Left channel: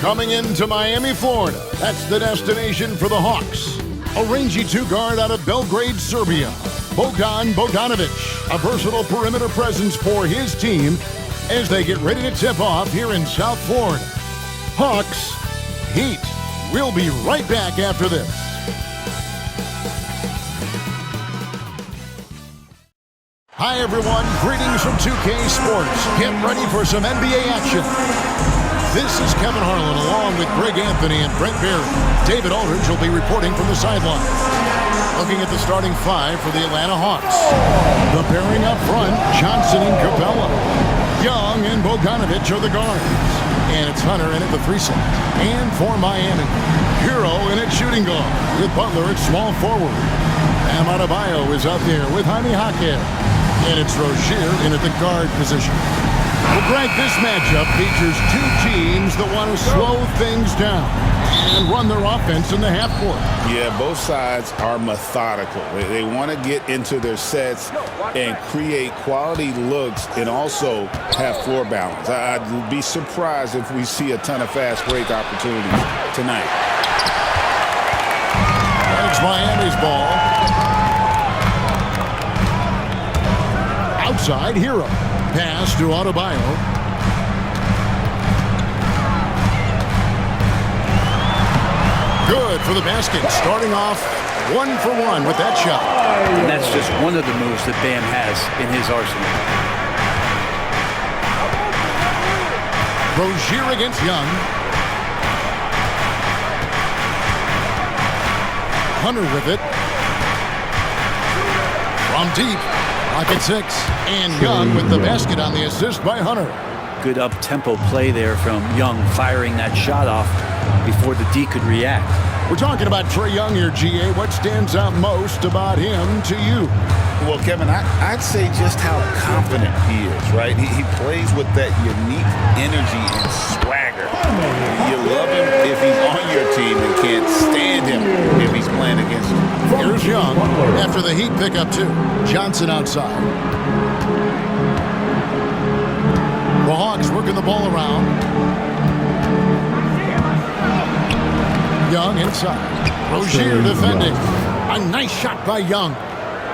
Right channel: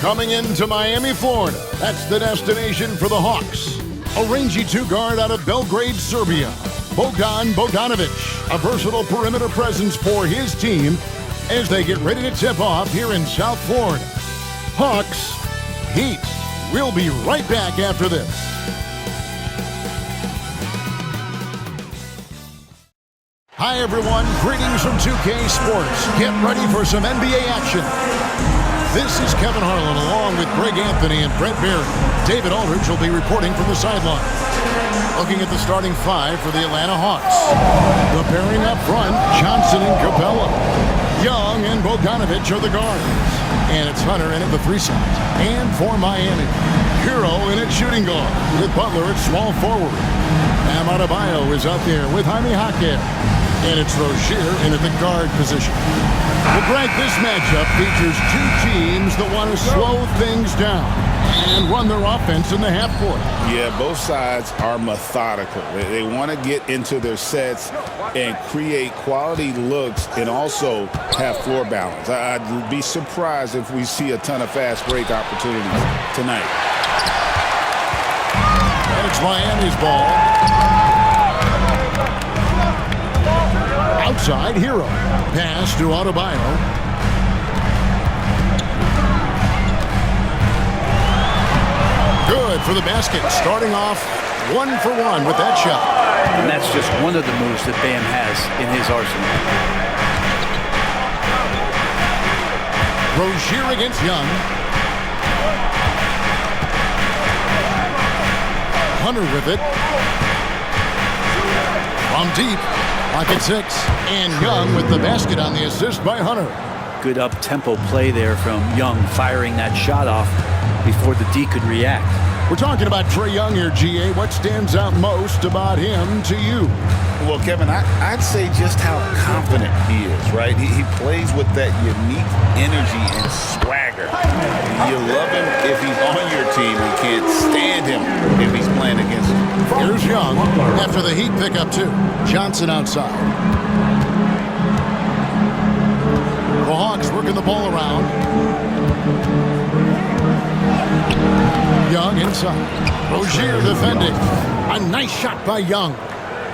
Coming into Miami, Florida, that's the destination for the Hawks. A rangy two-guard out of Belgrade, Serbia, Bogdan Bogdanovic, a versatile perimeter presence for his team as they get ready to tip off here in South Florida. Hawks, Heat. We'll be right back after this. Hi, everyone. Greetings from 2K Sports. Get ready for some NBA action. This is Kevin Harlan along with Greg Anthony and Brent Barry. David Aldridge will be reporting from the sideline. Looking at the starting five for the Atlanta Hawks. The pairing up front, Johnson and Capella. Young and Bogdanovic are the guards. And it's Hunter in at the 3 slot. And for Miami, Hero in at shooting guard with Butler at small forward. Adebayo is out there with Jaime Jaquez. And it's Rozier in at the guard position. Well, Greg, this matchup features two teams that want to slow things down and run their offense in the half court. Yeah, both sides are methodical. They want to get into their sets and create quality looks and also have floor balance. I'd be surprised if we see a ton of fast break opportunities tonight. And it's Miami's ball. Outside, Hero. Pass to Adebayo. Good for the basket. Starting off 1 for 1 with that shot. And that's just one of the moves that Bam has in his arsenal. Rozier against Young. Hunter with it. From deep. Pocket 6. And Young with the basket on the assist by Hunter. Good up-tempo play there from Young, firing that shot off before the D could react. We're talking about Trae Young here, GA. What stands out most about him to you? Well, Kevin, I'd say just how confident he is, right? He plays with that unique energy and swagger. You love him if he's on your team and can't stand him if he's playing against you. Here's Young after the Heat pick up 2. Johnson outside. The Hawks working the ball around. Young inside. Rozier defending. A nice shot by Young.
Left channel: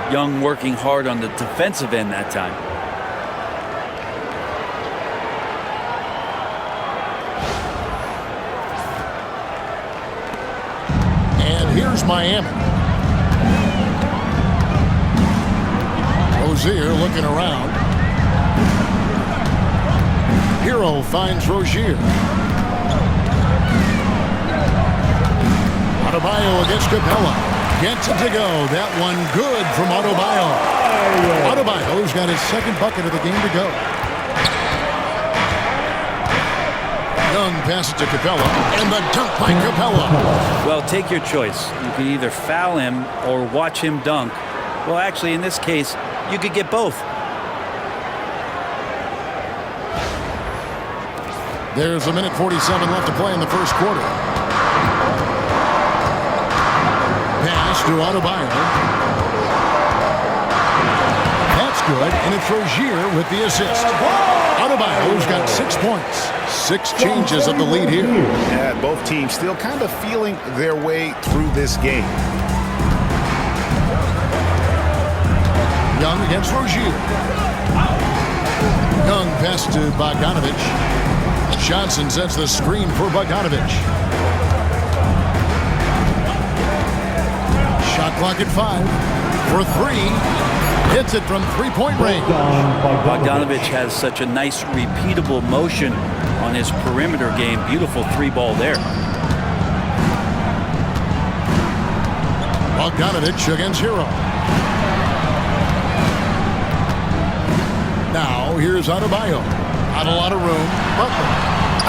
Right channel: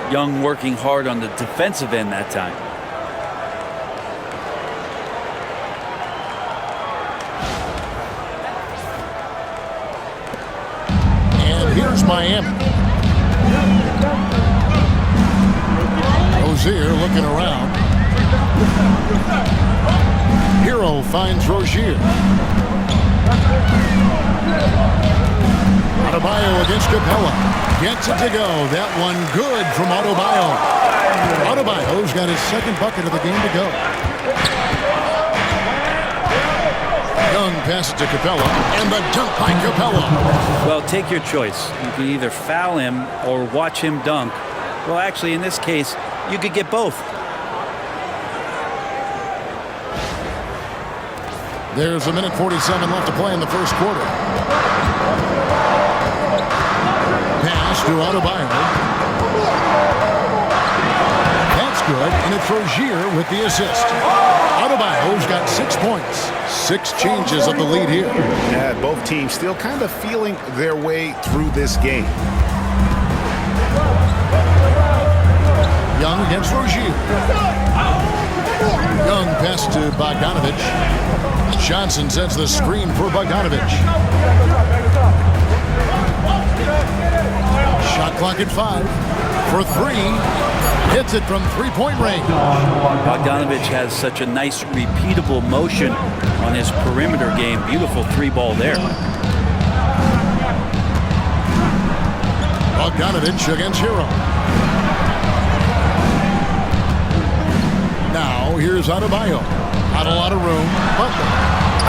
Young working hard on the defensive end that time. And here's Miami. Rozier looking around. Hero finds Rozier. Adebayo against Capella. Gets it to go. That one good from Adebayo. Adebayo's got his second bucket of the game to go. Young passes to Capella, and the dunk by Capella. Well, take your choice. You can either foul him or watch him dunk. Well, actually, in this case, you could get both. There's 1:47 left to play in the first quarter. Pass to Adebayo. That's good, and it's Rozier with the assist. Adebayo's got 6 points. 6 changes of the lead here. Yeah, both teams still kind of feeling their way through this game. Young against Rozier. Young pass to Bogdanovic. Johnson sets the screen for Bogdanovic. Shot clock at 5 for 3. Hits it from three-point range. Bogdanovic has such a nice repeatable motion on his perimeter game. Beautiful 3-ball there. Bogdanovic against Hero. Now here's Adebayo. Not a lot of room. Butler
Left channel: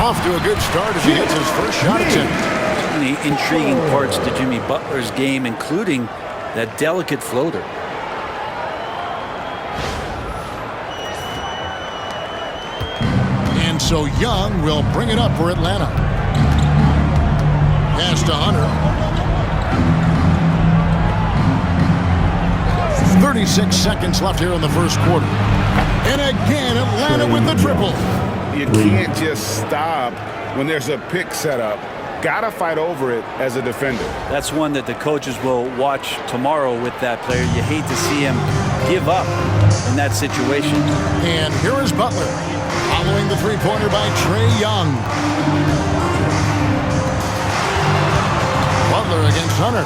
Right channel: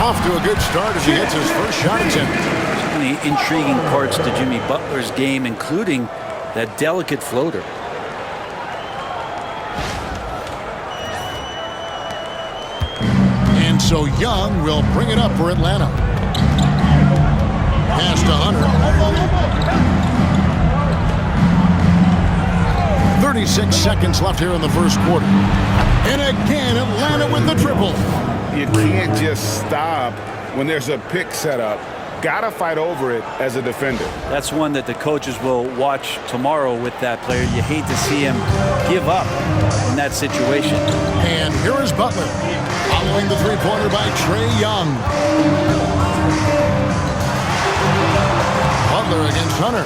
off to a good start as he hits his first shot attempt. So many intriguing parts to Jimmy Butler's game, including that delicate floater. And so Young will bring it up for Atlanta. Pass to Hunter. 36 seconds left here in the first quarter. And again, Atlanta with the triple. You can't just stop when there's a pick set up, gotta fight over it as a defender. That's one that the coaches will watch tomorrow with that player. You hate to see him give up in that situation. And here is Butler, following the three-pointer by Trae Young. Butler against Hunter.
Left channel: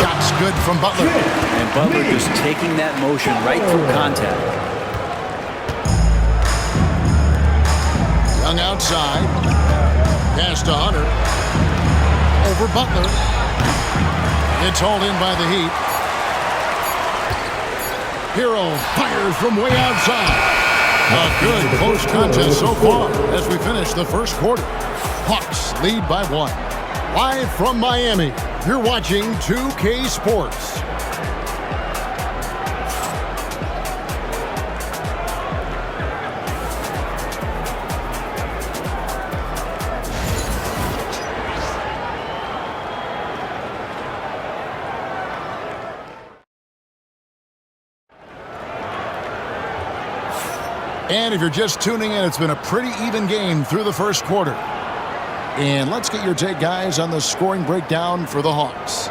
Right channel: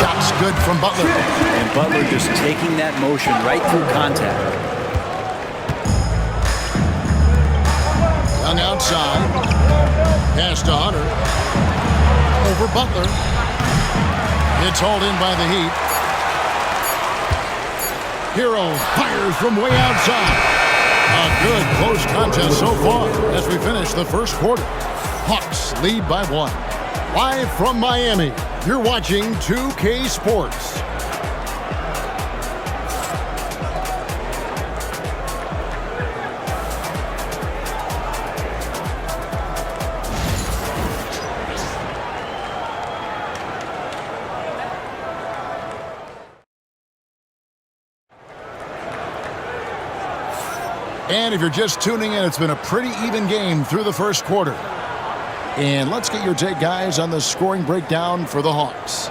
Shots good from Butler. And Butler just taking that motion right through contact. Young outside. Pass to Hunter. Over Butler. It's hauled in by the Heat. Hero fires from way outside. A good close contest so far as we finish the first quarter. Hawks lead by 1. Live from Miami, you're watching 2K Sports. And if you're just tuning in, it's been a pretty even game through the first quarter. And let's get your take, guys, on the scoring breakdown for the Hawks.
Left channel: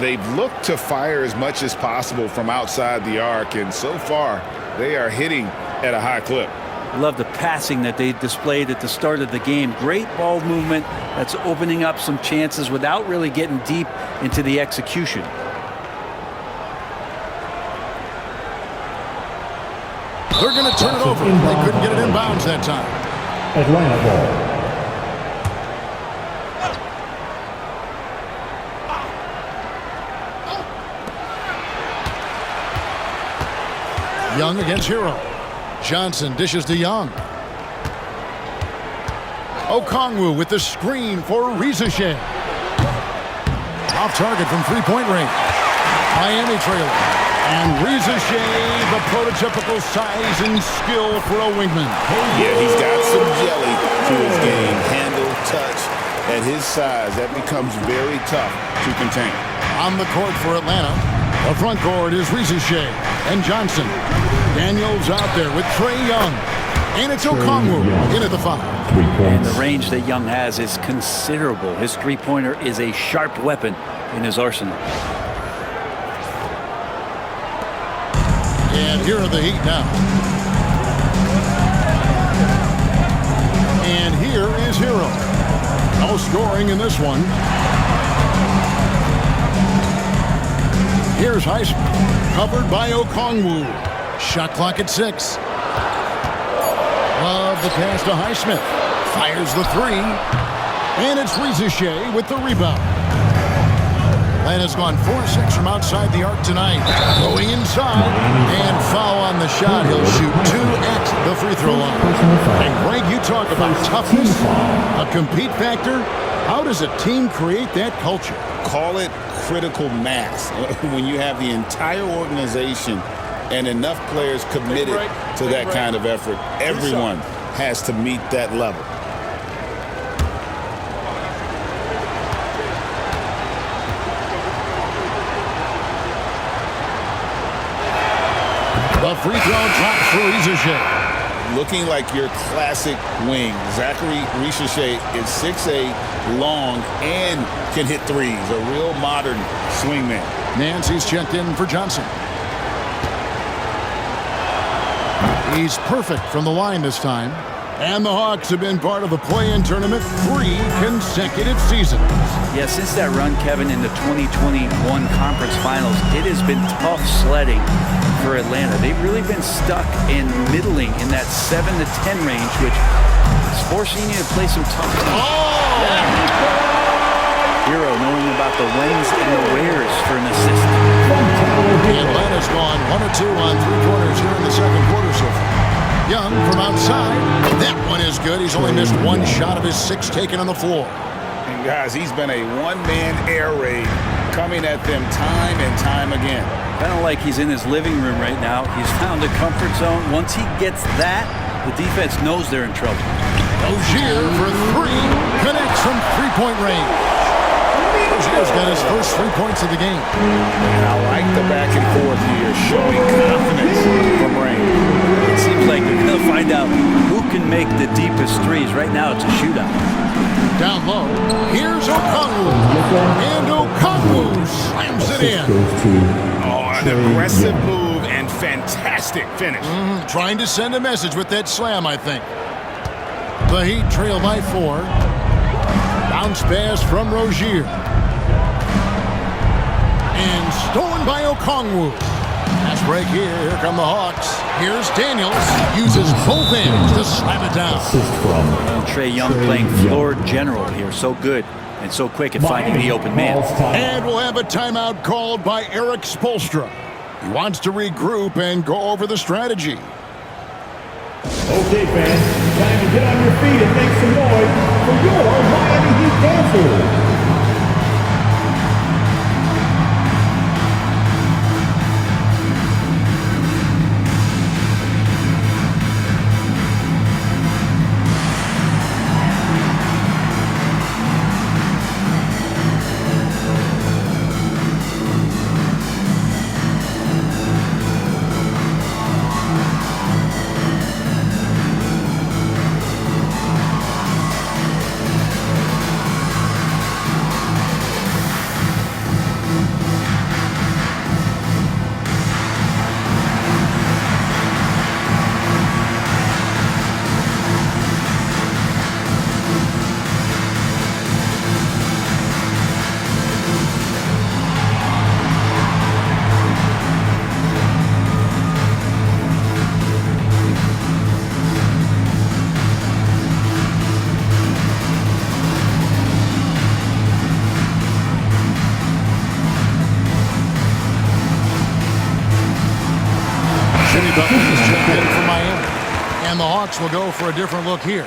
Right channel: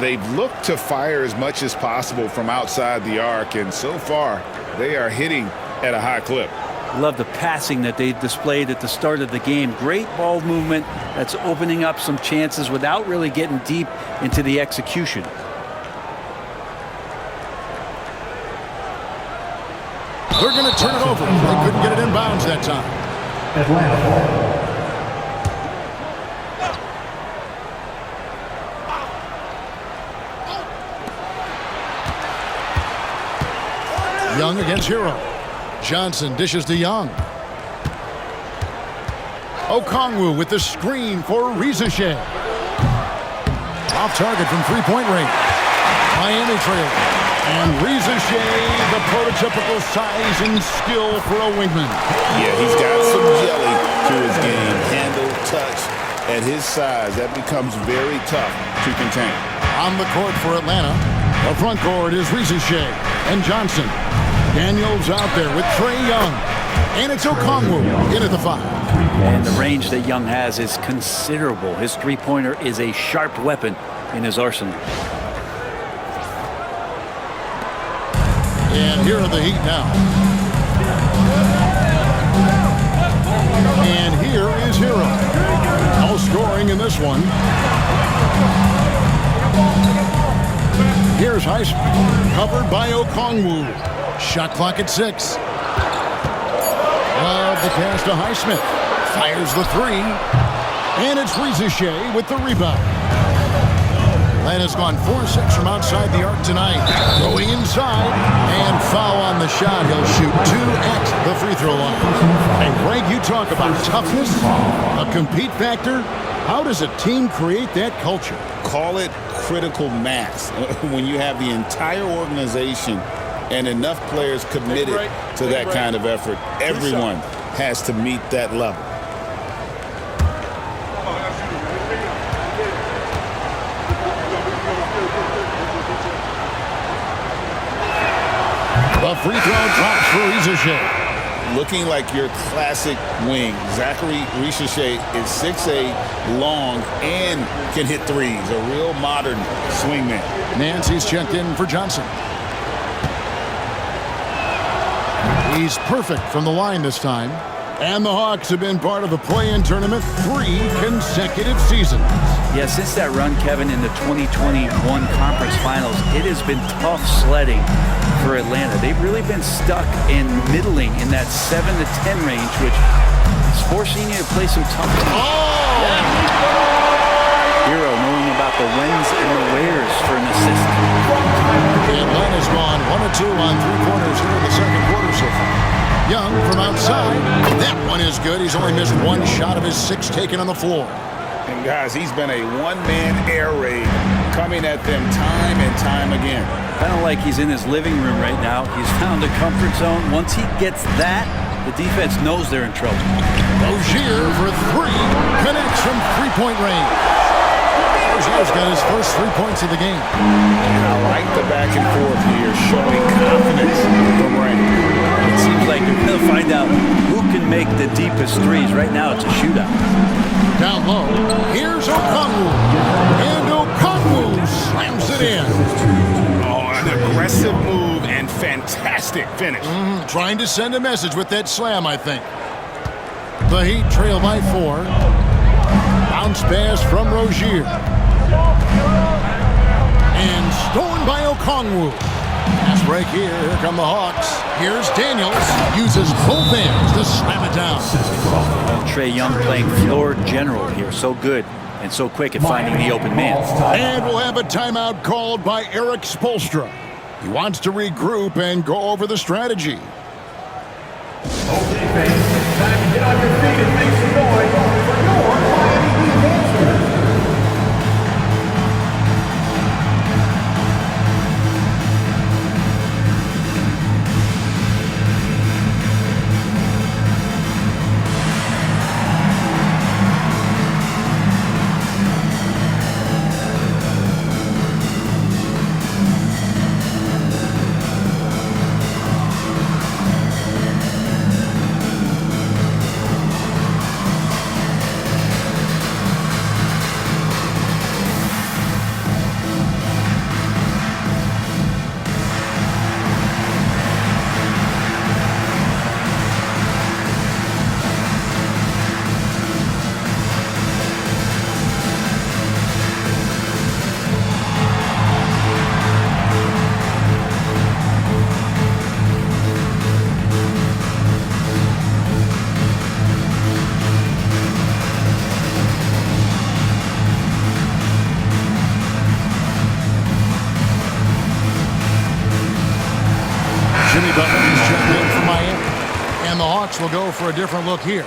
They've looked to fire as much as possible from outside the arc, and so far, they are hitting at a high clip. Love the passing that they displayed at the start of the game. Great ball movement that's opening up some chances without really getting deep into the execution. They're going to turn it over. They couldn't get it inbounds that time. Atlanta ball. Young against Hero. Johnson dishes to Young. Okongwu with the screen for Rizeshe. Off target from three-point range. Miami trailing. And Rizeshe, the prototypical size and skill for a wingman. Yeah, he's got some jelly to his game. Handle, touch. At his size, that becomes very tough to contain. On the court for Atlanta, the front court is Rizeshe and Johnson. Daniels out there with Trae Young. And it's Okongwu in at the 5. And the range that Young has is considerable. His three-pointer is a sharp weapon in his arsenal. And here are the Heat now. And here is Hero. No scoring in this one. Here's Highsmith, covered by Okongwu. Shot clock at 6. Love the pass to Highsmith. Fires the 3. And it's Rizeshe with the rebound. Atlanta's gone 4-6 from outside the arc tonight. Going inside. And foul on the shot. He'll shoot 2 at the free throw line. And Greg, you talk about toughness, a compete factor. How does a team create that culture? Call it critical mass. When you have the entire organization and enough players committed to that kind of effort, everyone has to meet that level. The free throw drops for Rizeshe. Looking like your classic wing. Zachary Rizeshe is 6'8", long, and can hit threes. A real modern swingman. Nancy's checked in for Johnson. He's perfect from the line this time. And the Hawks have been part of the play-in tournament 3 consecutive seasons. Yeah, since that run, Kevin, in the 2021 Conference Finals, it has been tough sledding for Atlanta. They've really been stuck in middling in that 7 to 10 range, which is forcing you to play some tough teams. Oh! Yeah. Hero knowing about the whens and the wheres for an assist. Atlanta's gone 1 of 2 on three-pointers here in the second quarter so far. Young from outside. That one is good. He's only missed 1 shot of his 6 taken on the floor. And guys, he's been a one-man air raid coming at them time and time again. Kind of like he's in his living room right now. He's found a comfort zone. Once he gets that, the defense knows they're in trouble. 'Rozier for 3. Connects from three-point range. Rozier's got his first 3 points of the game. And I like the back and forth here, showing confidence from Rain. It seems like they're going to find out who can make the deepest threes. Right now, it's a shootout. Down low, here's Okongwu. And Okongwu slams it in. Oh, an aggressive move and fantastic finish. Trying to send a message with that slam, I think. The Heat trail by 4. Bounce pass from Rozier. And stolen by Okongwu. Pass break here. Here come the Hawks. Here's Daniels. Uses both hands to slam it down. And Trae Young playing floor general here. So good and so quick at finding the open man. And we'll have a timeout called by Eric Spoelstra. He wants to regroup and go over the strategy. Okay, fans, time to get on your feet and make some noise for your Miami Heat Panthers. Jimmy Butler is checked in for Miami. And the Hawks will go for a different look here.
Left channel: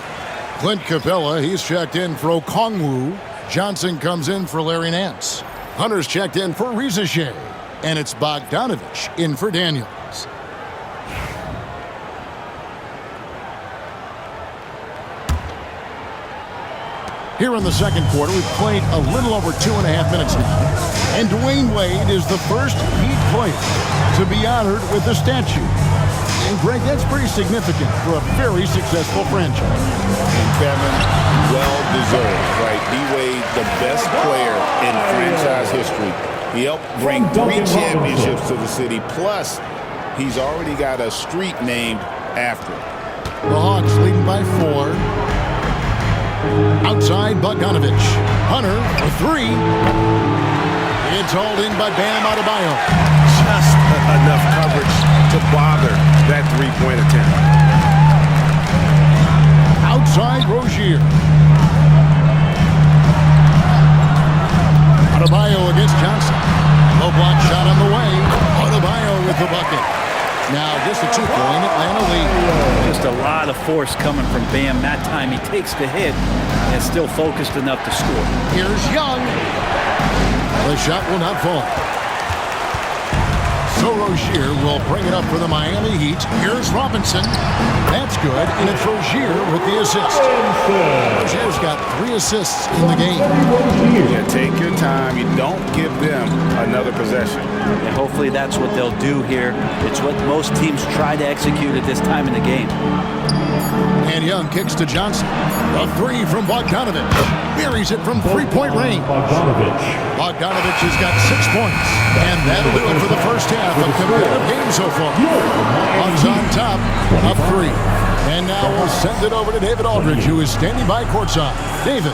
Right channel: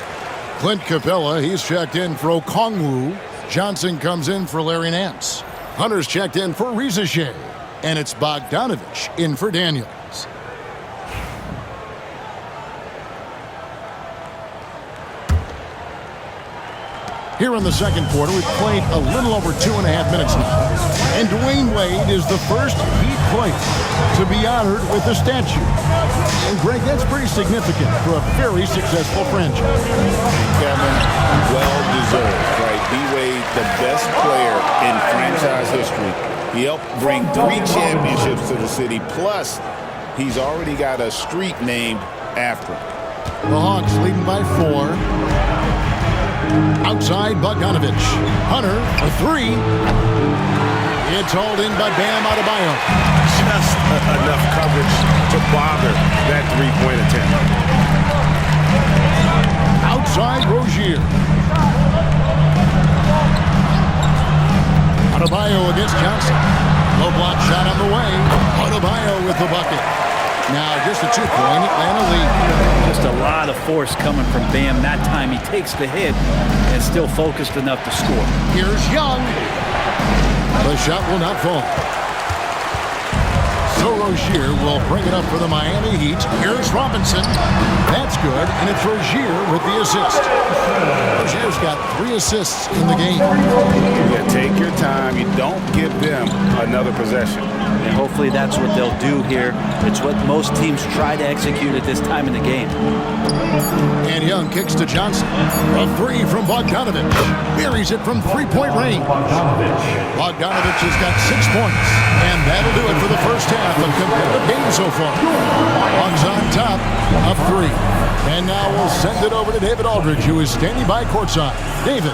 Clint Capella, he's checked in for Okongwu. Johnson comes in for Larry Nance. Hunter's checked in for Rizache. And it's Bogdanovich in for Daniels. Here in the second quarter, we've played a little over 2.5 minutes now. And Dwayne Wade is the first Heat player to be honored with a statue. And Greg, that's pretty significant for a very successful franchise. And Kevin, well-deserved, right? D-Wade, the best player in franchise history. He helped bring 3 championships to the city. Plus, he's already got a street named after him. The Hawks leading by 4. Outside, Bogdanovich. Hunter, a 3. It's hauled in by Bam Adebayo. Just enough coverage to bother that three-point attempt. Outside, Rozier. Adebayo against Johnson. Low block shot on the way. Adebayo with the bucket. Now just a 2-point Atlanta lead. Just a lot of force coming from Bam. That time he takes the hit and still focused enough to score. Here's Young. The shot will not fall. So Rozier will bring it up for the Miami Heat. Here's Robinson. That's good, and it's Rozier with the assist. Rozier's got 3 assists in the game. Yeah, take your time. You don't give them another possession. And hopefully that's what they'll do here. It's what most teams try to execute at this time in the game. And Young kicks to Johnson. A 3 from Bogdanovich. Buries it from 3-point range. Bogdanovich has got 6 points. And that'll do it for the first half of competitive game so far. Hawks on top, up 3. And now we'll send it over to David Aldridge, who is standing by courtside. David.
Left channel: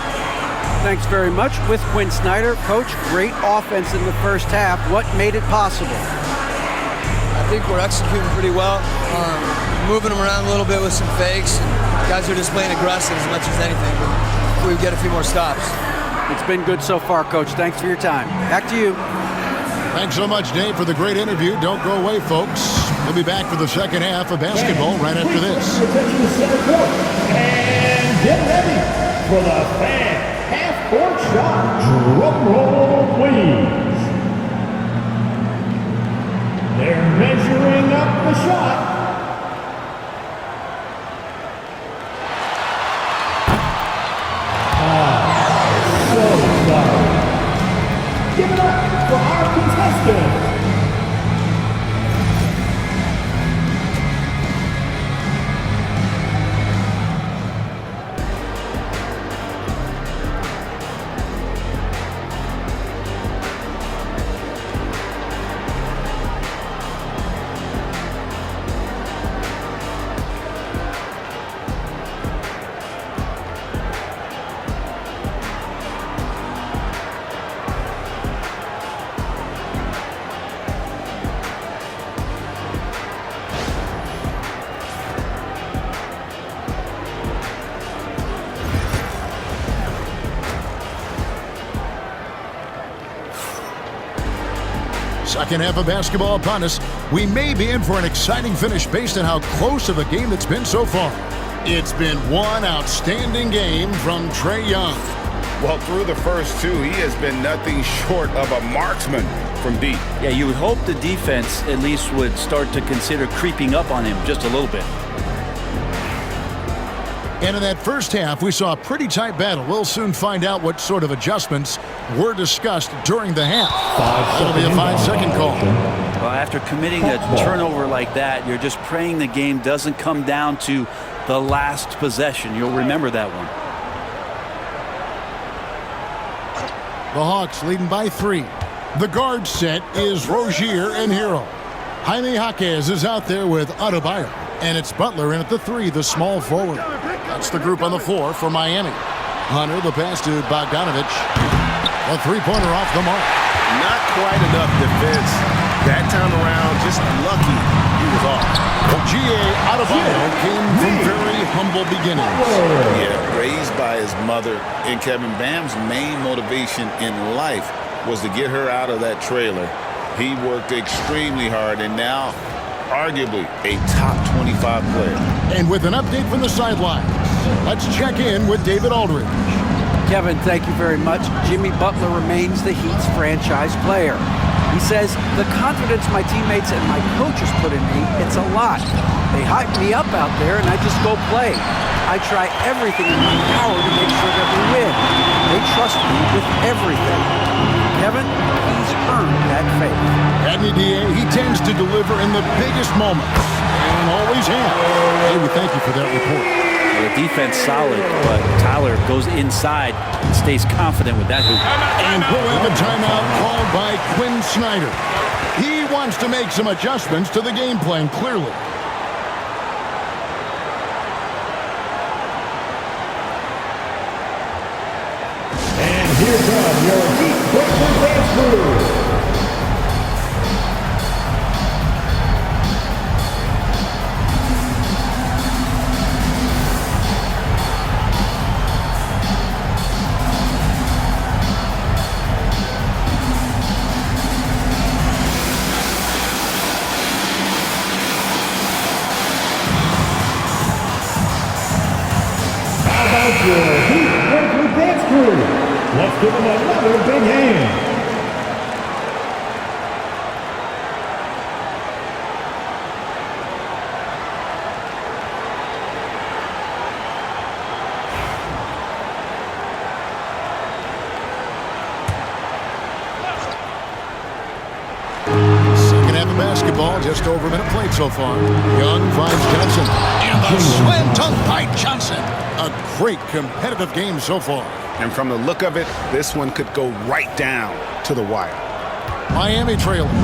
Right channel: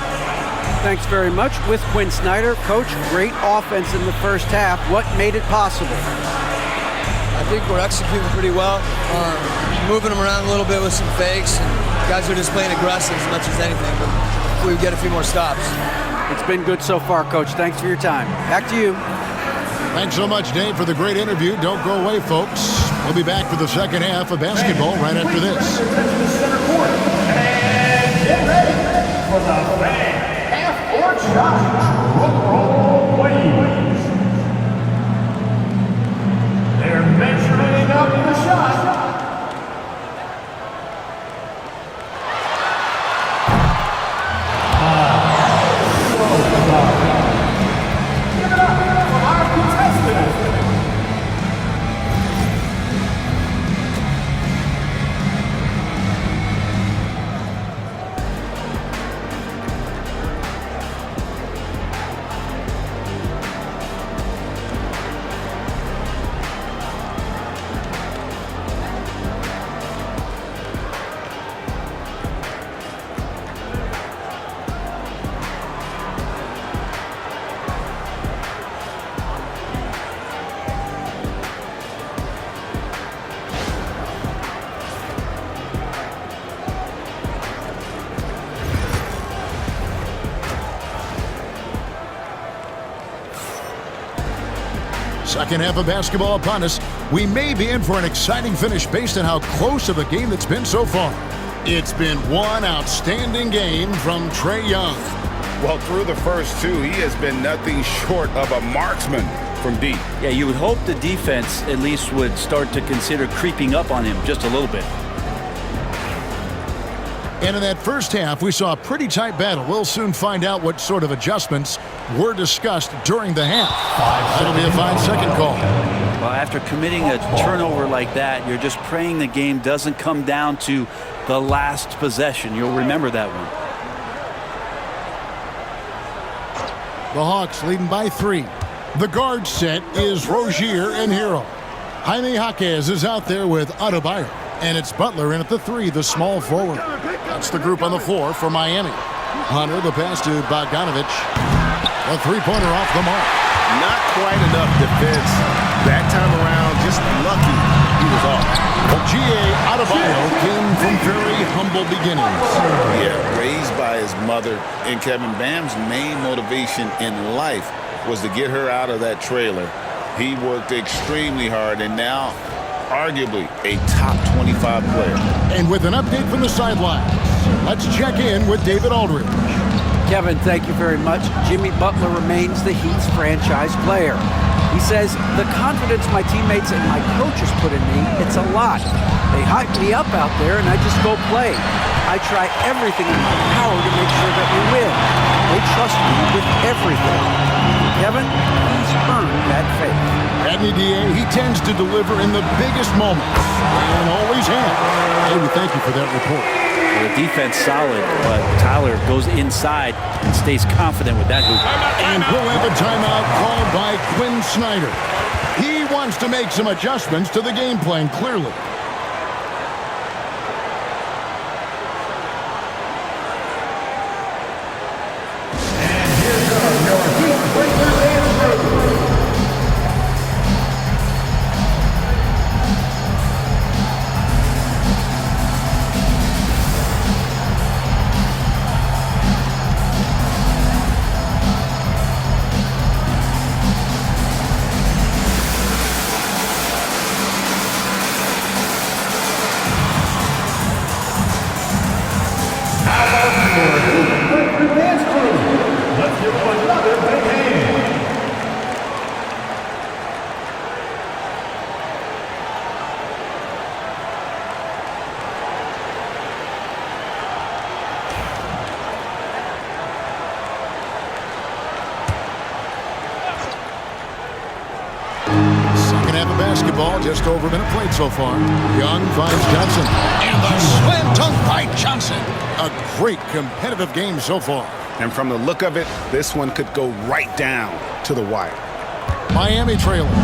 Thanks very much. With Quinn Snyder. Coach, great offense in the first half. What made it possible? I think we're executing pretty well. Moving them around a little bit with some fakes. And guys are just playing aggressive as much as anything. But we get a few more stops. It's been good so far, Coach. Thanks for your time. Back to you. Thanks so much, Dave, for the great interview. Don't go away, folks. We'll be back for the second half of basketball right after this. And get ready for the fan half-court shot. Drum roll, please. They're measuring up the shot. Give it up for our contestants. Second half of basketball upon us. We may be in for an exciting finish based on how close of a game that's been so far. It's been one outstanding game from Trae Young. Well, through the first two, he has been nothing short of a marksman from deep. Yeah, you would hope the defense at least would start to consider creeping up on him just a little bit. And in that first half, we saw a pretty tight battle. We'll soon find out what sort of adjustments were discussed during the half. That'll be a 5-second call. Well, after committing a turnover like that, you're just praying the game doesn't come down to the last possession. You'll remember that one. The Hawks leading by 3. The guard set is Rozier and Hero. Jaime Jaquez is out there with Adebayo. And it's Butler in at the 3, the small forward. That's the group on the floor for Miami. Hunter, the pass to Bogdanovic. A three-pointer off the mark. Not quite enough defense that time around. Just lucky he was off. G.A. Adebayo came from very humble beginnings. Yeah, raised by his mother. And Kevin, Bam's main motivation in life was to get her out of that trailer. He worked extremely hard, and now arguably a top 25 player. And with an update from the sidelines, let's check in with David Aldridge. Kevin, thank you very much. Jimmy Butler remains the Heat's franchise player. He says, the confidence my teammates and my coaches put in me, it's a lot. They hype me up out there and I just go play. I try everything in my power to make sure that we win. They trust me with everything. Kevin, he's earned that faith. Adney D.A., he tends to deliver in the biggest moments, and always has. Hey, we thank you for that report. Well, the defense solid, but Tyler goes inside and stays confident with that hoop. And we'll have a timeout called by Quinn Snyder. He wants to make some adjustments to the game plan, clearly. And here come your Heat Breakers dance crew. Dance crew. Let's give them another big hand. Second half of basketball, just over a minute played so far. Young finds Johnson. And the slam dunk by Johnson. A great competitive game so far. And from the look of it, this one could go right down to the wire. Miami trailing.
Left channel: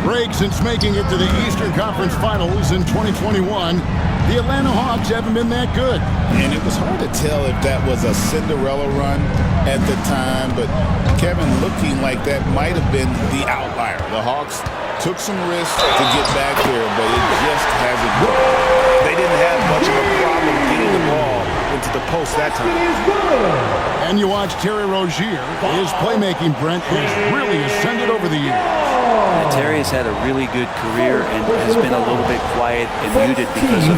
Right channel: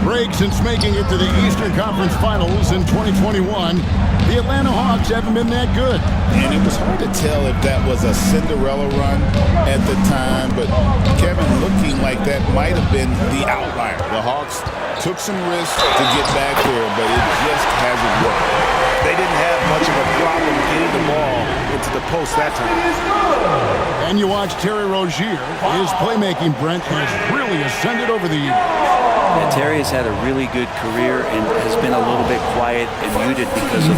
Greg, since making it to the Eastern Conference Finals in 2021, the Atlanta Hawks haven't been that good. And it was hard to tell if that was a Cinderella run at the time, but Kevin, looking like that might have been the outlier. The Hawks took some risks to get back there, but it just hasn't worked. They didn't have much of a problem getting the ball into the post that time. And you watch Terry Rozier. His playmaking, Brent, has really ascended over the years. Yeah, Terry has had a really good career and has been a little bit quiet and muted because of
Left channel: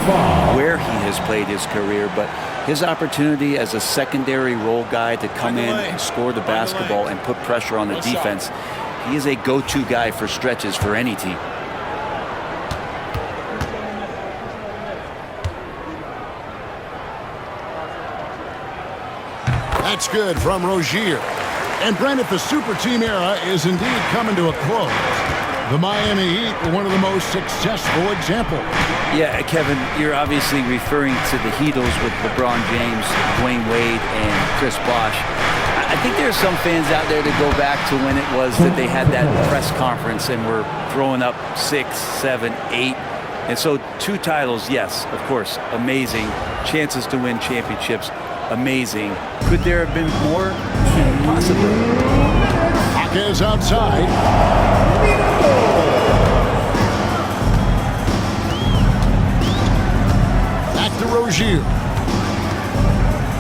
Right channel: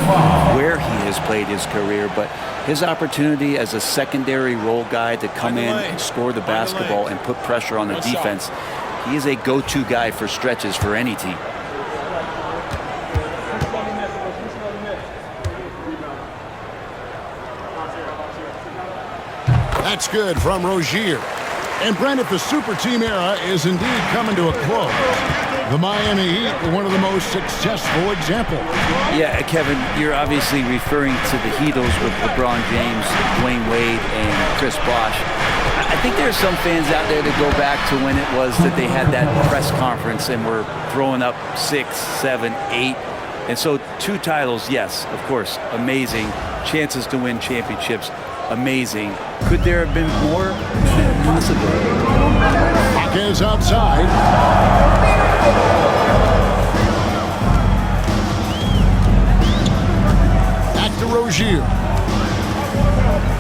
where he has played his career. But his opportunity as a secondary role guy to come in and score the basketball and put pressure on the defense, he is a go-to guy for stretches for any team. That's good from Rozier. And Brent, if the super team era is indeed coming to a close, the Miami Heat were one of the most successful examples. Yeah, Kevin, you're obviously referring to the Heatles with LeBron James, Dwayne Wade, and Chris Bosh. I think there are some fans out there that go back to when it was that they had that press conference and were throwing up 6, 7, 8. And so 2 titles, yes, of course, amazing. Chances to win championships, amazing. Could there have been more? Possibly. Jaquez outside. Back to Rozier.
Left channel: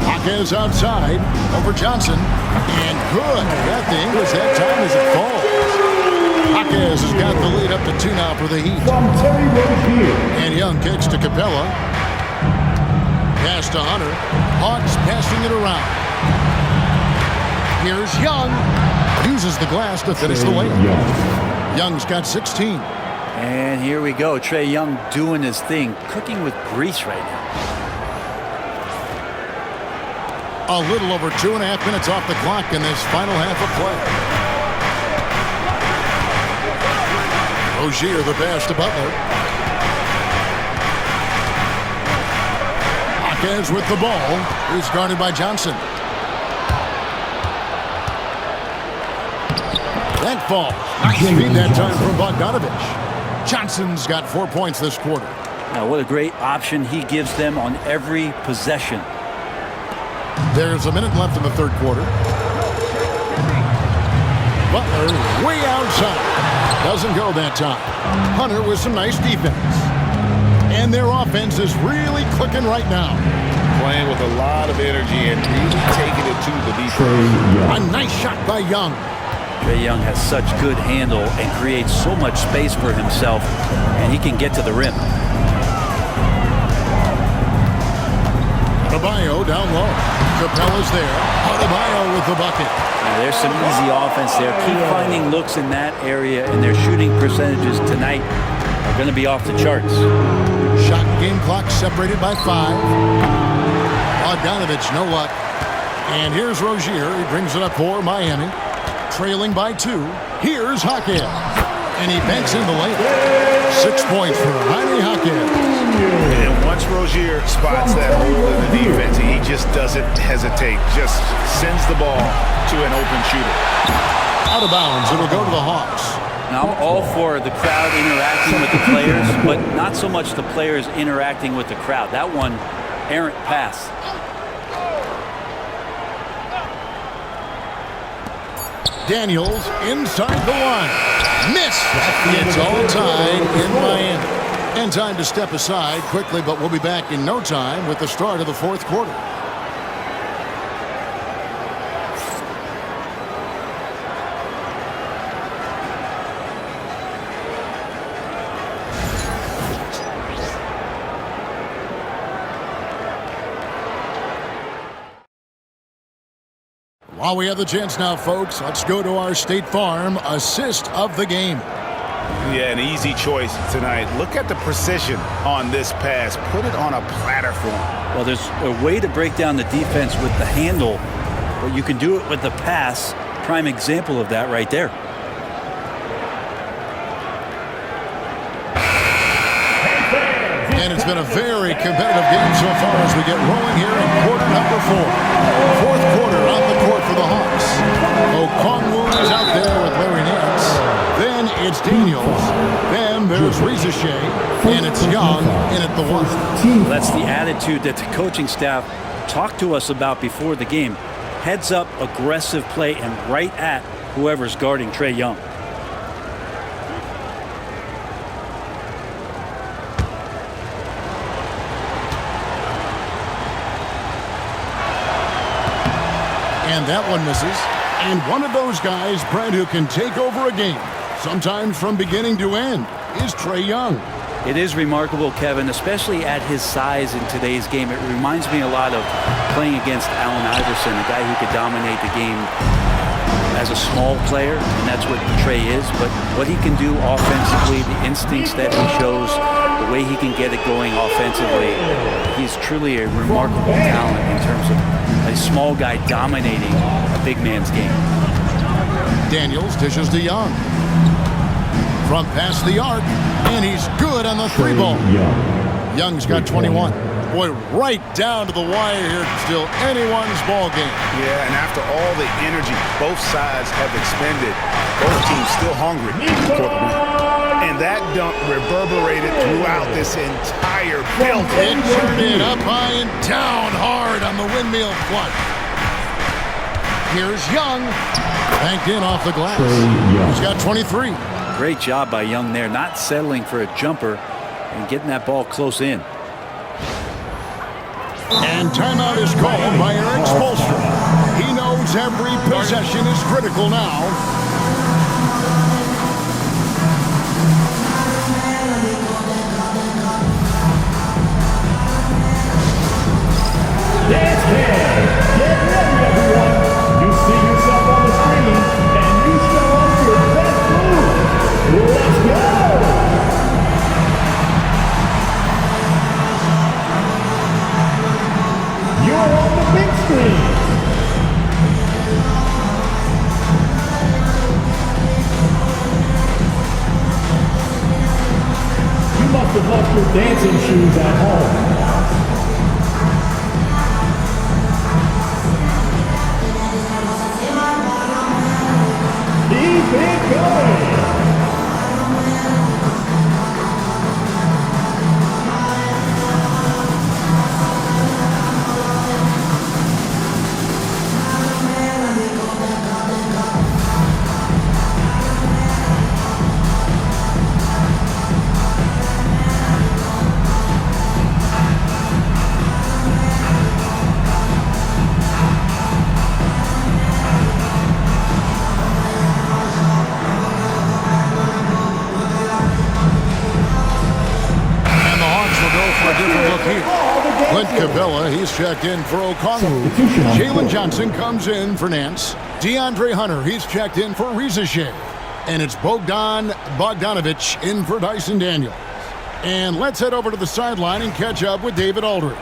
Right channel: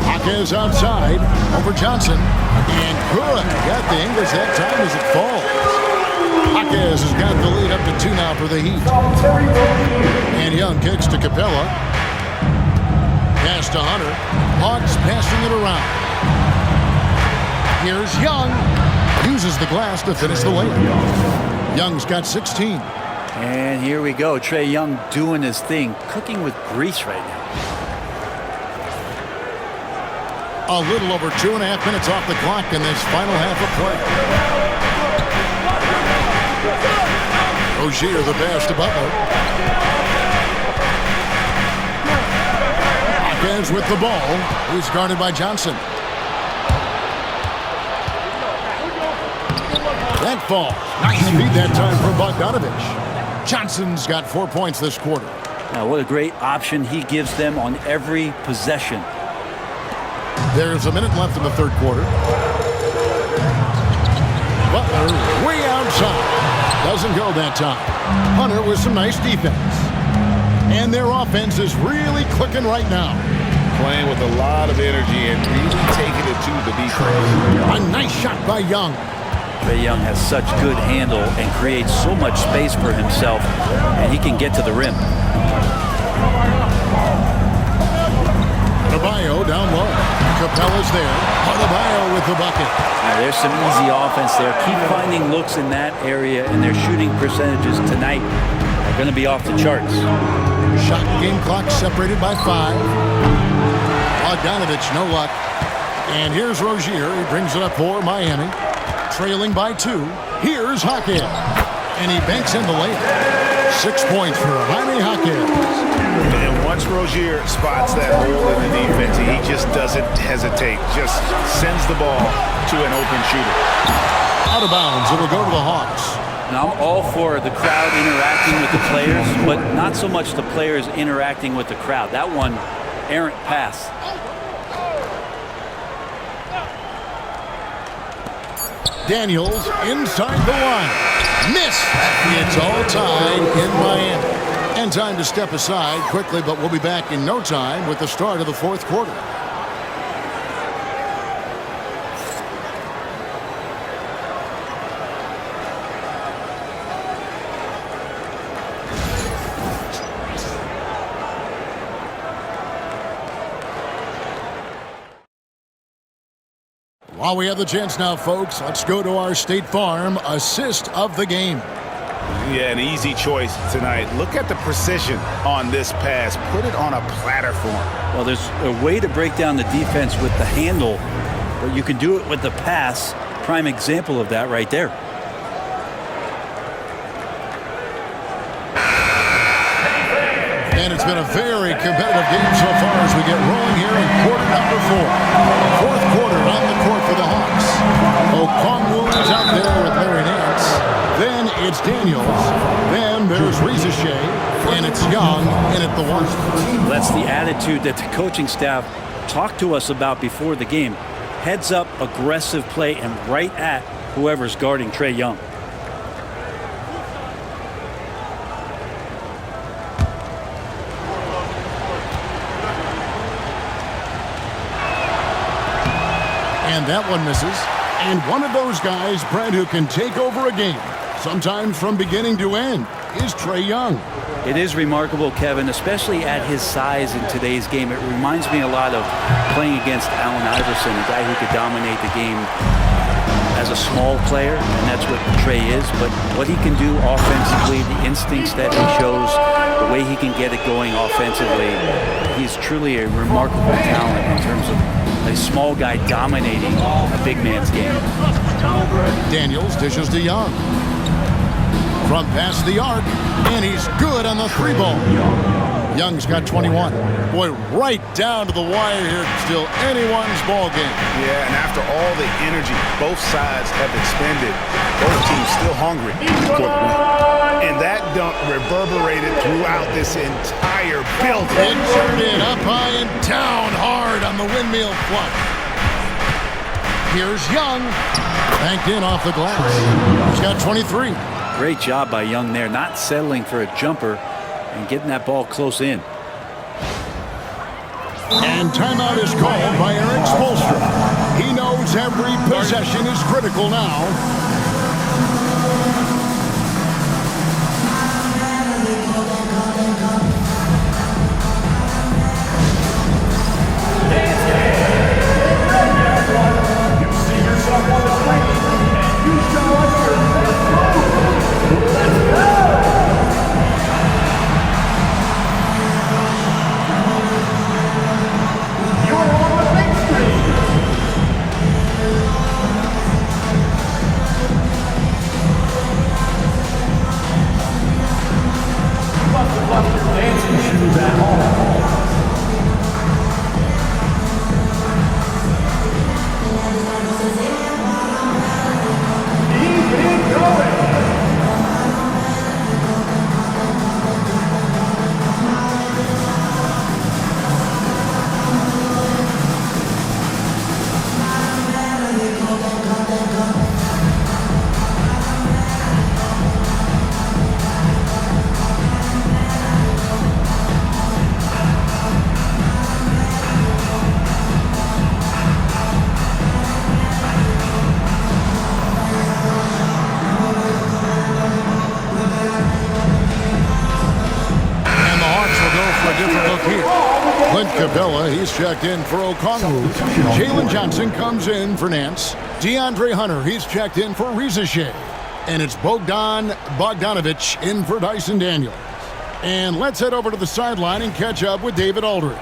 Jaquez outside over Johnson. And good. Got the English that time as it falls. Jaquez has got the lead up to 2 now for the Heat. And Young kicks to Capella. Pass to Hunter. Hawks passing it around. Here's Young. Uses the glass to finish the layup. Young's got 16. And here we go. Trae Young doing his thing. Cooking with grease right now. A little over 2.5 minutes off the clock in this final half of play. Rozier the pass to Butler. Jaquez with the ball. He's guarded by Johnson. That falls. Nice feed that time from Bogdanovich. Johnson's got 4 points this quarter. Now, what a great option he gives them on every possession. There's a minute left in the third quarter. Butler way outside. Doesn't go that time. Hunter with some nice defense. And their offense is really clicking right now. Playing with a lot of energy and really taking it to the defense. A nice shot by Young. Trae Young has such good handle and creates so much space for himself, and he can get to the rim. Adebayo down low. Capella's there. Adebayo with the bucket. Now, there's some easy offense there. Keep finding looks in that area, and their shooting percentages tonight are going to be off the charts. Shot game clock separated by 5. Bogdanovich, no luck. And here's Rozier. He brings it up for Miami. Trailing by 2. Here's Jaquez. And he banks in the layup. 6 points for Jaime Jaquez. And once Rozier spots that hole in the defense, he just doesn't hesitate. Just sends the ball to an open shooter. Out of bounds. It'll go to the Hawks. Now, I'm all for the crowd interacting with the players, but not so much the players interacting with the crowd. That one, errant pass. Daniels inside the line. Miss. It's all tied in Miami. And time to step aside quickly, but we'll be back in no time with the start of the fourth quarter. While we have the chance now, folks, let's go to our State Farm assist of the game. Yeah, an easy choice tonight. Look at the precision on this pass. Put it on a platform. Well, there's a way to break down the defense with the handle, but you can do it with the pass. Prime example of that right there. And it's been a very competitive game so far as we get rolling here in quarter number 4. Fourth quarter on the court for the Hawks. Okongwu is out there with Larry Nance. Then it's Daniels. Then there's Rizeshe. And it's Young in at the 1. Well, that's the attitude that the coaching staff talked to us about before the game. Heads up, aggressive play, and right at whoever's guarding Trae Young. And that one misses. And one of those guys, Brent, who can take over a game, sometimes from beginning to end, is Trae Young. It is remarkable, Kevin, especially at his size in today's game. It reminds me a lot of playing against Allen Iverson, a guy who could dominate the game as a small player, and that's what Trae is. But what he can do offensively, the instincts that he shows, the way he can get it going offensively, he's truly a remarkable talent in terms of a small guy dominating a big man's game. Daniels dishes to Young. From past the arc, and he's good on the 3-ball. Young's got 21. Boy, right down to the wire here. Still anyone's ball game. Yeah, and after all the energy both sides have expended, both teams still hungry for the win. And that dunk reverberated throughout this entire building. It turned it up high and down hard on the windmill flush. Here's Young. Banked in off the glass. He's got 23. Great job by Young there, not settling for a jumper and getting that ball close in. And timeout is called by Eric Spoelstra. He knows every possession is critical now. You see yourself on the screen, and you show us your best move. Let's go! You're on the big screen. You must have left your dancing shoes at home. Keep it going. For a different look here. Clint Capella, he's checked in for Okongwu. Jalen Johnson comes in for Nance. DeAndre Hunter, he's checked in for Rizachet. And it's Bogdan Bogdanovic in for Dyson Daniels. And let's head over to the sideline and catch up with David Aldridge.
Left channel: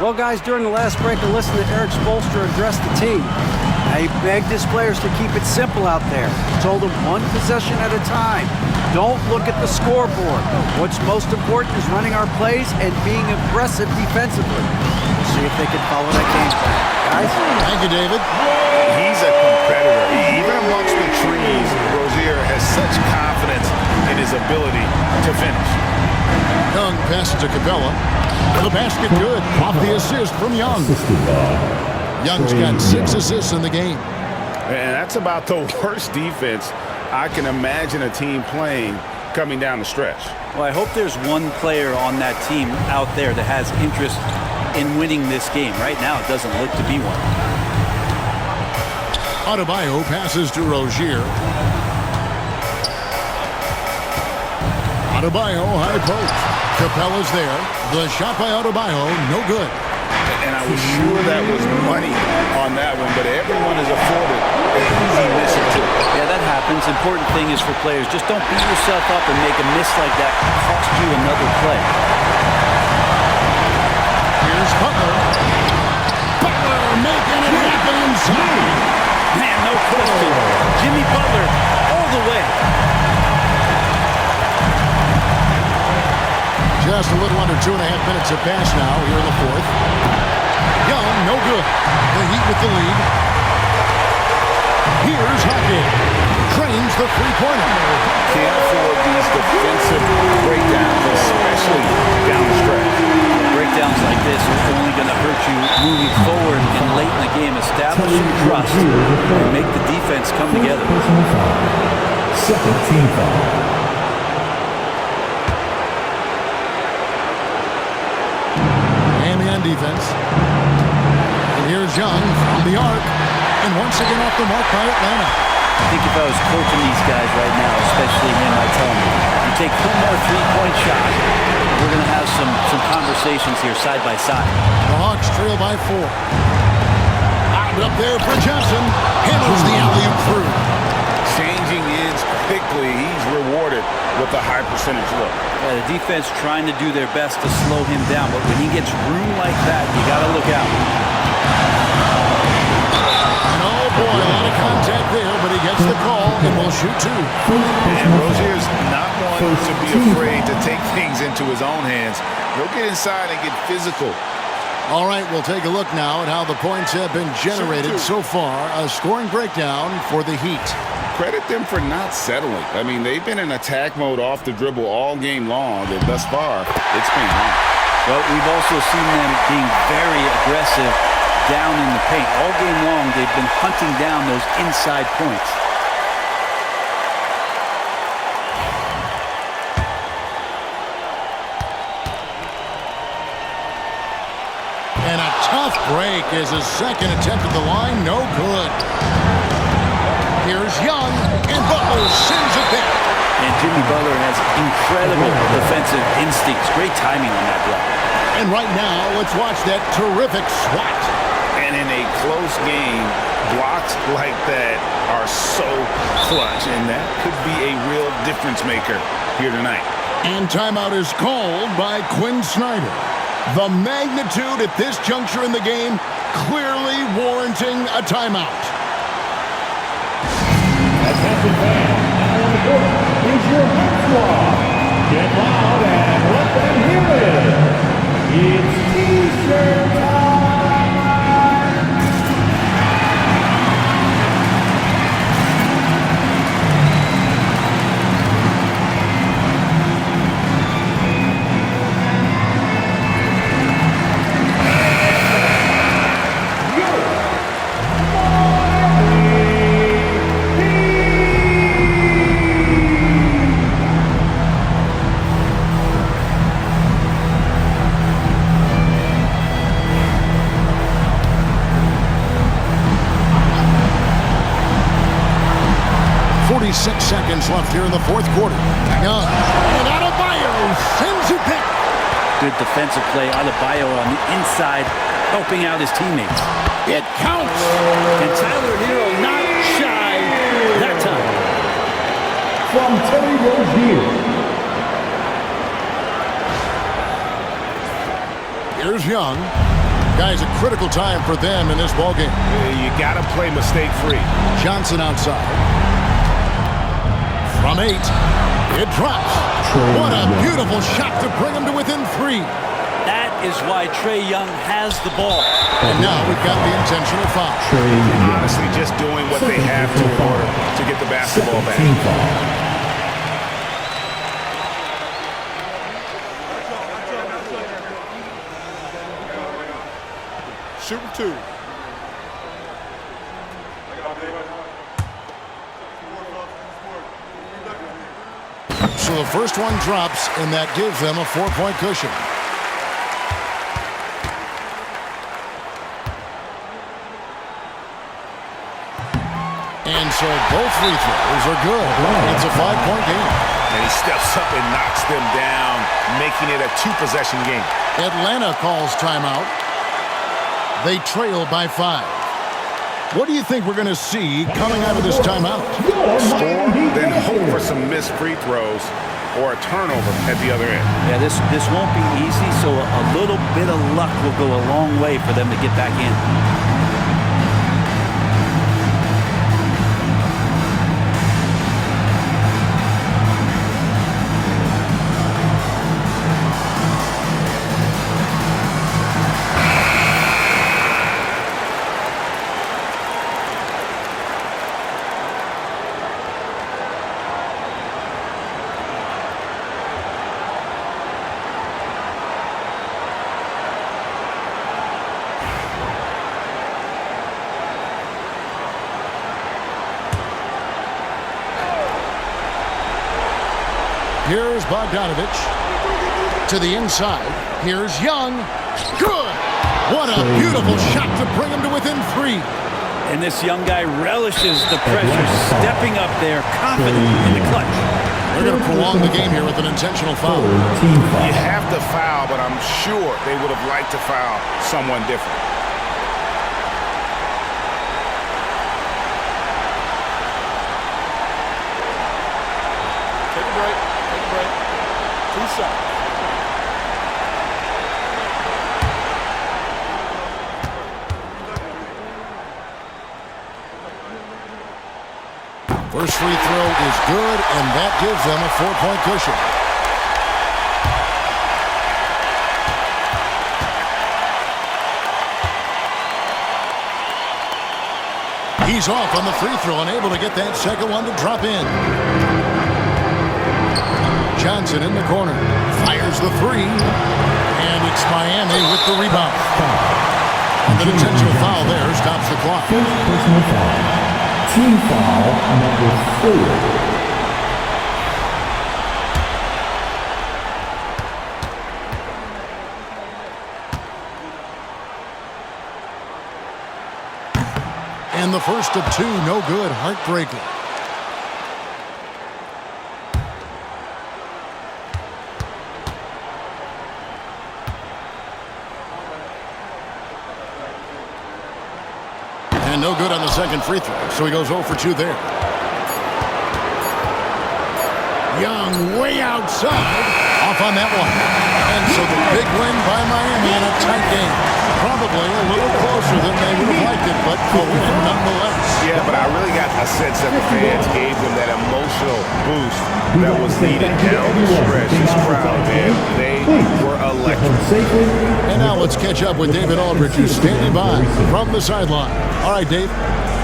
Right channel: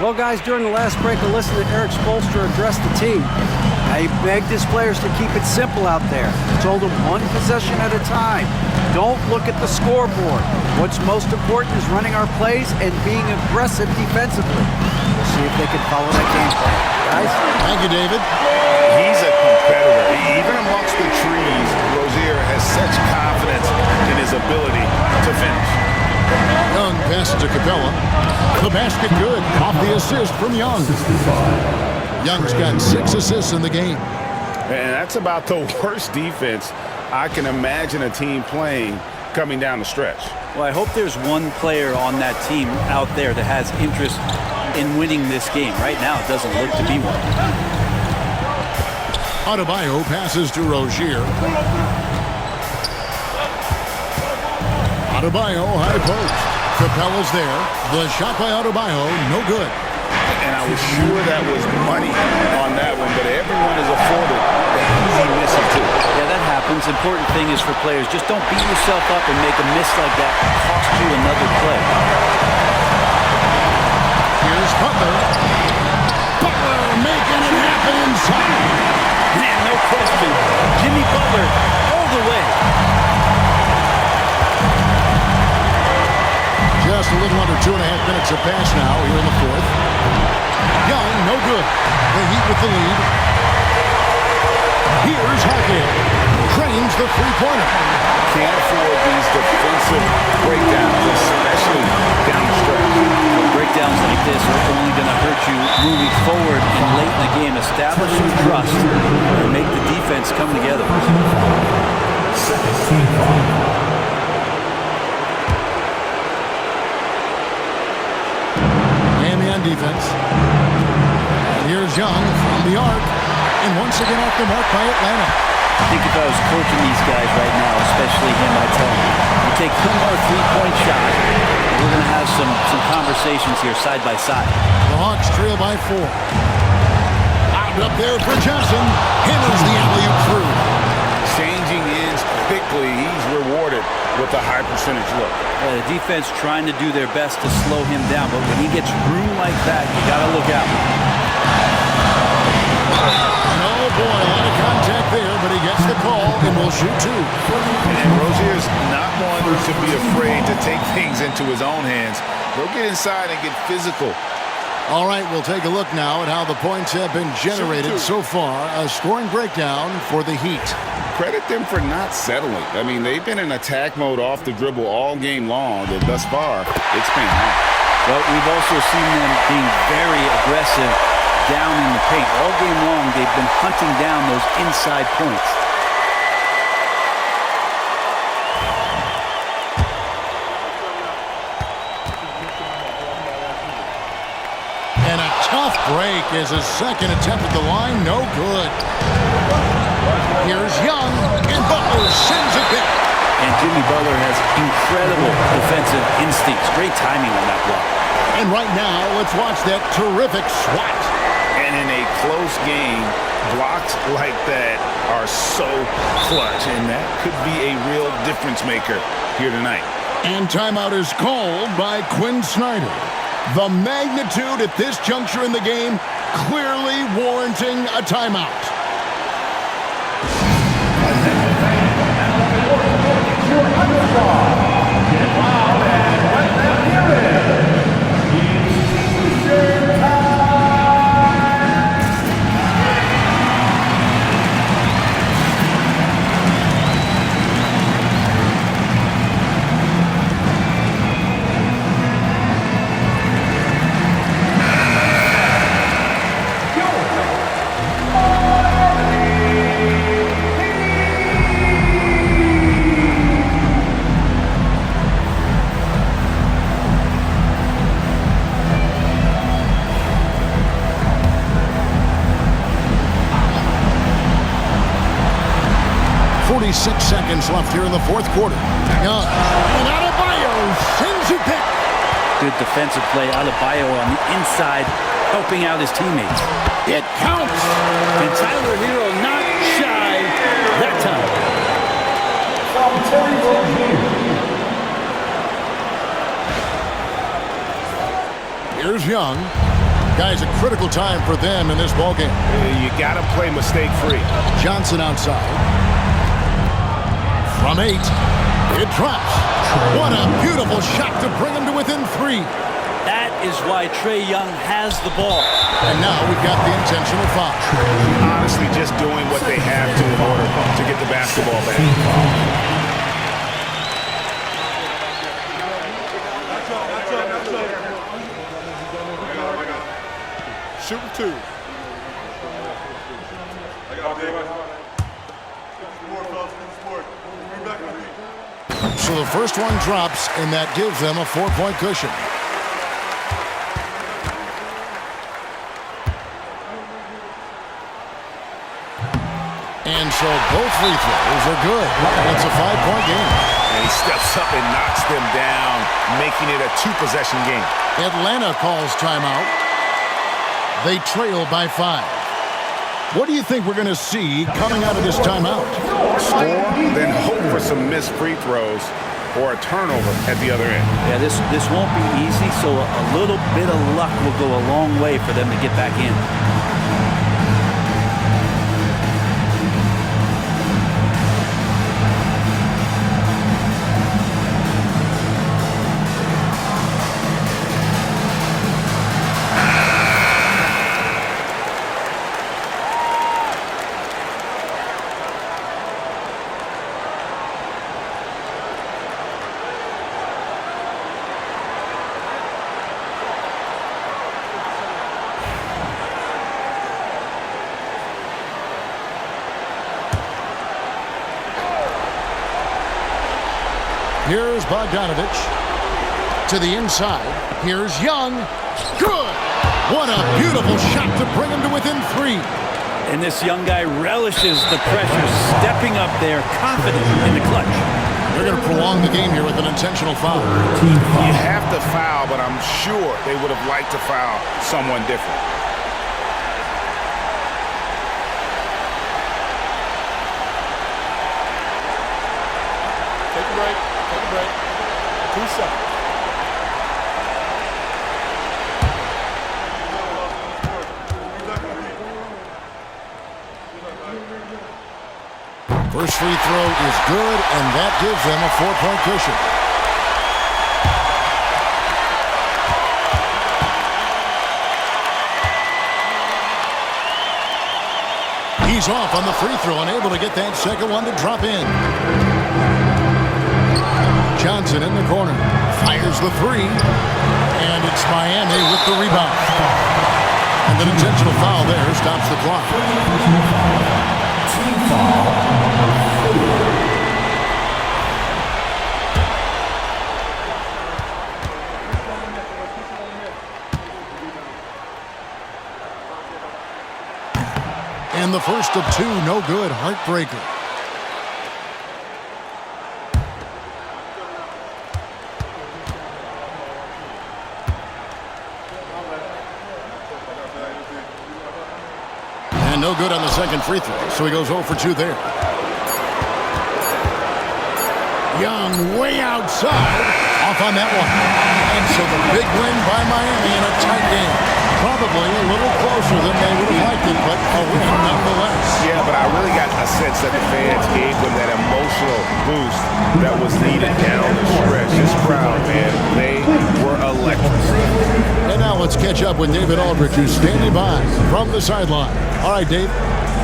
Well, guys, during the last break, I listened to Eric Spoelstra address the team. Now, he begged his players to keep it simple out there. He told them one possession at a time. Don't look at the scoreboard. What's most important is running our plays and being aggressive defensively. We'll see if they can follow that game plan. Guys? Thank you, David. He's a competitor. Even amongst the trees, Rozier has such confidence in his ability to finish. Young passes to Capella. The basket good. Off the assist from Young. Young's got 6 assists in the game. And that's about the worst defense I can imagine a team playing coming down the stretch. Well, I hope there's one player on that team out there that has interest in winning this game. Right now, it doesn't look to be one. Adebayo passes to Rozier. Adebayo, high post. Capella's there. The shot by Adebayo, no good. And I was sure that was money on that one, but everyone is afforded an easy miss or two. Yeah, that happens. Important thing is for players, just don't beat yourself up and make a miss like that cost you another play. Here's Butler. Butler making it happen inside. Man, no question. Jimmy Butler all the way. Just a little under 2.5 minutes have passed now here in the fourth. Young, no good. The Heat with the lead. Here's Hockey. Trains the three-pointer. Can't afford these defensive breakdowns, especially down the stretch. Breakdowns like this are only going to hurt you moving forward and late in the game. Establish some trust and make the defense come together. Second team foul. Miami on defense. And here's Young from the arc. And once again off the mark by Atlanta. I think if I was coaching these guys right now, especially him, I'd tell him, you take one more three-point shot, and we're going to have some conversations here side by side. The Hawks trail by 4. Out up there for Johnson. Hammers the alley-oop through. changing ends quickly. He's rewarded with a high percentage look. Yeah, the defense trying to do their best to slow him down, but when he gets room like that, you got to look out. And oh boy, a lot of contact there, but he gets the call and will shoot two. And Rozier's not one to be afraid to take things into his own hands. He'll get inside and get physical. All right, we'll take a look now at how the points have been generated so far. A scoring breakdown for the Heat. Credit them for not settling. I mean, they've been in attack mode off the dribble all game long, and thus far, it's paying off. Well, we've also seen them being very aggressive down in the paint. All game long, they've been hunting down those inside points. And a tough break is his second attempt at the line. No good. Here's Young, and Butler sends it back. And Jimmy Butler has incredible defensive instincts. Great timing on that block. And right now, let's watch that terrific swat. And in a close game, blocks like that are so clutch, and that could be a real difference maker here tonight. And timeout is called by Quinn Snyder. The magnitude at this juncture in the game clearly warranting a timeout. Attention fans, at one quarter is your high squad. Get loud and let them hear it. It's T-shirt time. Seconds left here in the fourth quarter. Young, and Adebayo sends it back. Good defensive play. Adebayo on the inside, helping out his teammates. It counts. And Tyler Hero not shy that time. From Terry Rozier. Here's Young. Guys, a critical time for them in this ballgame. You got to play mistake-free. Johnson outside. From 8, it drops. What a beautiful shot to bring him to within 3. That is why Trae Young has the ball. And now we've got the intentional foul. Honestly, just doing what they have to in order to get the basketball back. Shooting two. So the first one drops, and that gives them a 4-point cushion. And so both free throws are good. It's a 5-point game. And he steps up and knocks them down, making it a 2-possession game. Atlanta calls timeout. They trail by 5. What do you think we're going to see coming out of this timeout? Score, then hope for some missed free throws or a turnover at the other end. Yeah, this won't be easy, so a little bit of luck will go a long way for them to get back in. Here's Bogdanovich to the inside. Here's Young. Good. What a beautiful shot to bring him to within 3. And this young guy relishes the pressure, stepping up there, confident in the clutch. They're going to prolong the game here with an intentional foul. You have to foul, but I'm sure they would have liked to foul someone different. a break. Take a break. 2 shots. First free throw is good, and that gives them a 4-point cushion. He's off on the free throw, unable to get that second one to drop in. Johnson in the corner, fires the three, and it's Miami with the rebound. And an intentional foul there stops the clock. Personal foul. Team foul number 4. And the first of 2, no good, heartbreaker. And no good on the second free throw, so he goes 0 for 2 there. Young way outside, off on that one. And so the big win by Miami in a tight game. Probably a little closer than they would have liked it, but a win nonetheless. Yeah, but I really got a sense that the fans gave them that emotional boost that was needed down the stretch. This crowd, man, they were electric. And now let's catch up with David Aldridge, who's standing by from the sideline. All right, Dave.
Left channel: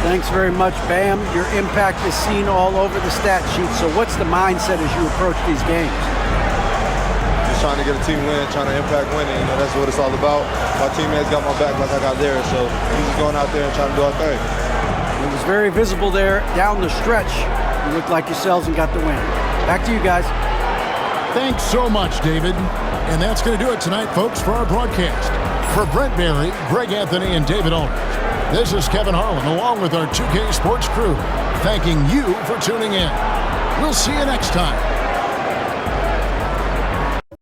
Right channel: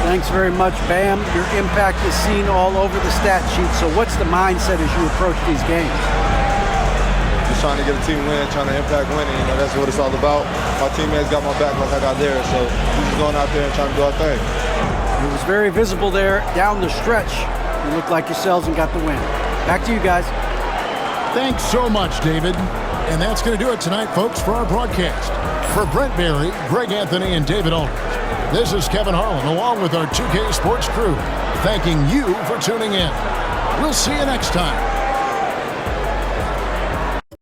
Thanks very much, Bam. Your impact is seen all over the stat sheet. So what's the mindset as you approach these games? Just trying to get a team win, trying to impact winning. You know, that's what it's all about. My teammates got my back like I got theirs, so we're just going out there and trying to do our thing. It was very visible there down the stretch. You looked like yourselves and got the win. Back to you guys. Thanks so much, David. And that's going to do it tonight, folks, for our broadcast. For Brent Barry, Greg Anthony, and David Aldridge, this is Kevin Harlan, along with our 2K Sports crew, thanking you for tuning in. We'll see you next time.